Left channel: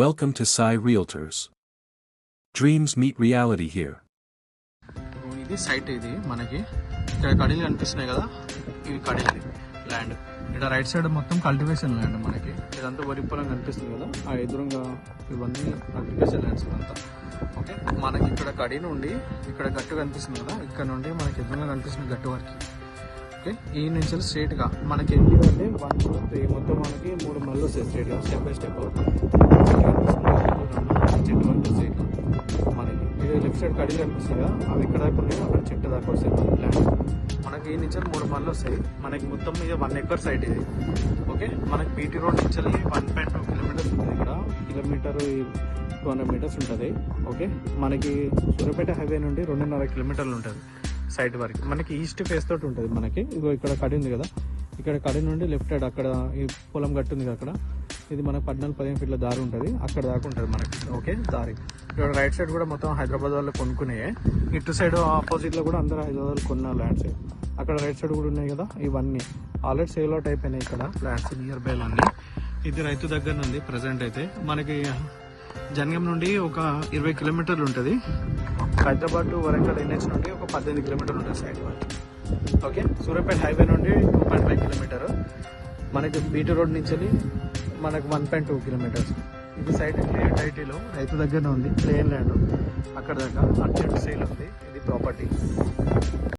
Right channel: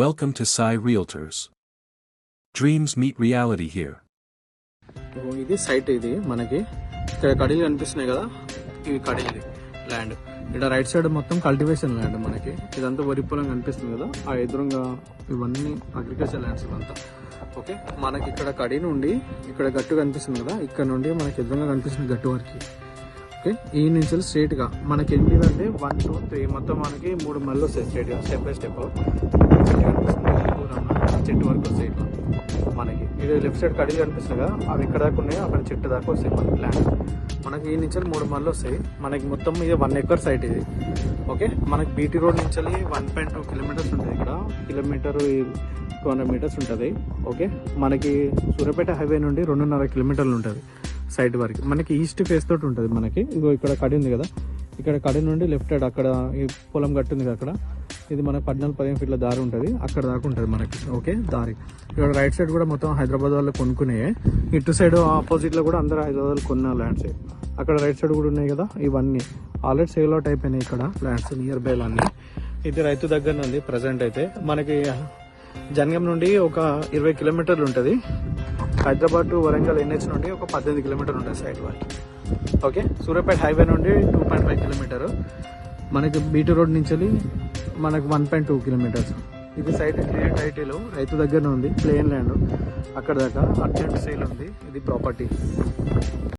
Welcome to Sai Realtors. Dreams meet reality here. ఇది site, ఇది మనకి ఇక్కడ కడీలు కనిపిస్తున్నాయి కదా, ఇది కడీలు ల్యాండ్. ఇక్కడ రైట్ సైడ్ మొత్తం కల్టివేషన్ ల్యాండ్. మనకి ఇదంతా వరి పొలం కనిపిస్తుంది కదా, ఆ ఎదురుగా ఇవన్నీ అగ్రికల్చర్ ల్యాండ్స్ ఇవంతా. ఓకే, మనకి ఇక్కడ కడీ నుండి ఇక్కడ గట్టు కనిపిస్తుంది కదా, ఇక్కడ నుండి మనకి ఎదురుగా కనిపిస్తుంది గట్టు వరకు. ఓకే, ఈ నుంచి స్ట్రైట్ గా మనకి ఏంటి అంటే 1 2 3 మొత్తం మనకి 3 మళ్ళీ వస్తాయి స్ట్రైట్ గా, స్టెప్ బై స్టెప్ చెట్టు వరకు సైడ్ మనకి. ఇది లెఫ్ట్ సైడ్ కడీలు కనిపిస్తుంది కదా, అవి ఇక్కడ దాకా ఉన్నాయి, అక్కడ చెట్టు దాకా వస్తాయి ల్యాండ్. మనకి ఈ నుంచి 3 మళ్ళీ వస్తాయి. మనకి మొత్తం ఇది 1 ఎకర్ సైట్ ఇది. ఓకే, మనకి బీటీ రోడ్ నుంచి 1.2 కిలోమీటర్స్ ఉంటుంది. ఇక్కడ కిలోమీటర్ 200 మీటర్స్ ఉంటుంది. ఓకే, మనకి సూర్యాపేట హైవే నుండి 2.5 కిలోమీటర్లు ఉంటుంది సైట్ వరకు. మనకి ఈస్ట్ ఫేస్ తోటి ఉంటుంది. మనకి ఇగో ఇక్కడ కడి ఉంది కదా, ఇక్కడ కడి నుండి లెఫ్ట్ సైడ్ అక్కడ ఈ పొలం గట్టు ఉంది కదా, అక్కడ ఇది మనకు 14-15 ఫీట్ల దారి ఉంటుంది, అక్కడ దాకా ఉంటుంది మనకి. ఓకే, దారి ఇక్కడ రైట్ సైడ్ కూడా మొత్తం హైదరాబాద్ వాళ్ళు కొనుక్కునే. ఇటు సైడ్ ఆపోజిట్ లో కూడా అందరూ హైదరాబాద్ కొన్న ల్యాండ్స్. అక్కడ రైట్ సైడ్ కూడా ఉన్నాయి కదా, ఇవన్నీ ఆల్రెడీ సేల్ అవుట్ అయిపోయినాయి ఇక్కడ ల్యాండ్స్ నియర్ బై అన్ని. ఇది రైతు దగ్గర ఉంది ప్రజెంట్ అయితే. మనకి జనగం నుండి ఒక 20 కిలోమీటర్లు ఉంటుంది. హైదరాబాద్ టు వరంగల్ ఎన్హెచ్ నుండి ఒక 18 కిలోమీటర్లు ఉంటుంది సైడ్ వరకు. ఓకే, సూర్యాపేట హైవే నుండి 2.5 కిలోమీటర్. మనకి బీటీ రోడ్ నుంచి మనకు 1.2 కిలోమీటర్స్. ఇది సైట్ క్లియర్ టైటిల్ రైతు దగ్గరనే ఉంది, ప్లేన్ ల్యాండ్. అక్కడ దాకా అర్జెంట్ సేల్ ఉంది. ఇది ప్రాపర్టీ.